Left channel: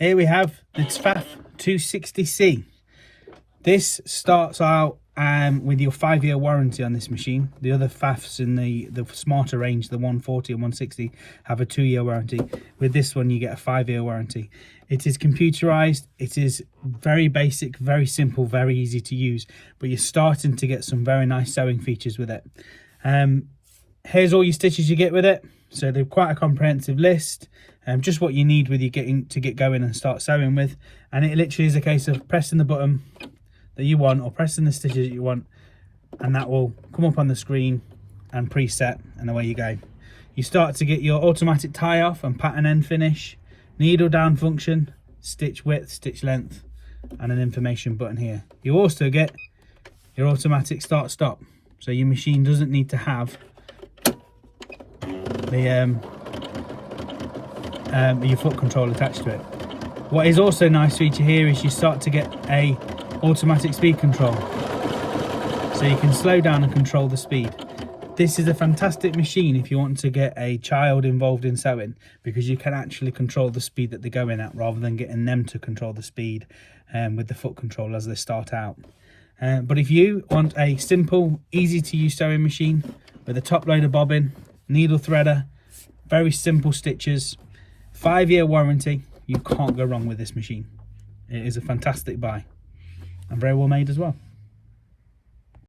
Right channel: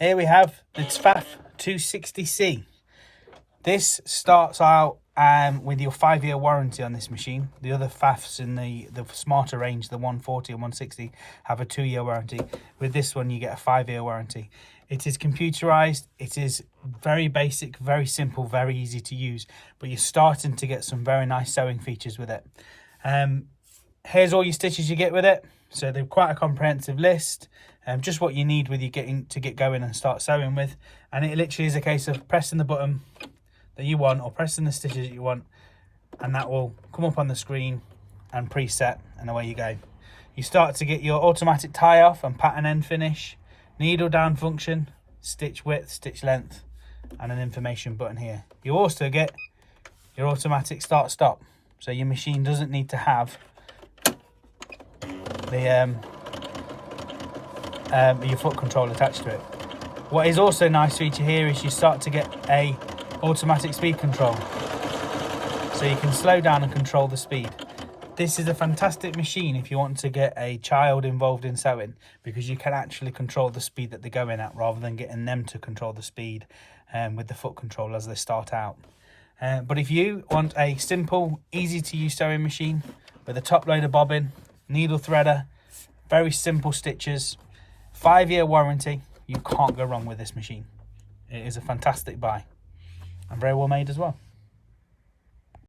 Here we have the Pfaff 260C. This starts out with your 5-year warranty on this machine. The other Pfaffs in the Smarter range, the 140 and 160, have a 2-year warranty. With this one, you get a 5-year warranty. It is computerized. It is very basic, very simple, very easy to use, but you're starting to get some very nice sewing features with it. Here's all your stitches you get with it. So they're quite a comprehensive list, just what you need with you get going and start sewing with. And it literally is a case of pressing the button that you want or pressing the stitches that you want, and that will come up on the screen and preset, and away you go. You start to get your automatic tie off and pattern end finish, needle down function, stitch width, stitch length, and an information button here. You also get your automatic start stop, so your machine doesn't need to have your foot control attached to it. What is also a nice feature here is you start to get a automatic speed control, so you can slow down and control the speed. This is a fantastic machine if you want to get a child involved in sewing, because you can actually control the speed that they're going at rather than getting them to control the speed with the foot control as they start out. But if you want a simple, easy to use sewing machine with a top loader bobbin, needle threader, very simple stitches, 5-year warranty, you can't go wrong with this machine. It is a fantastic buy and very well made as well.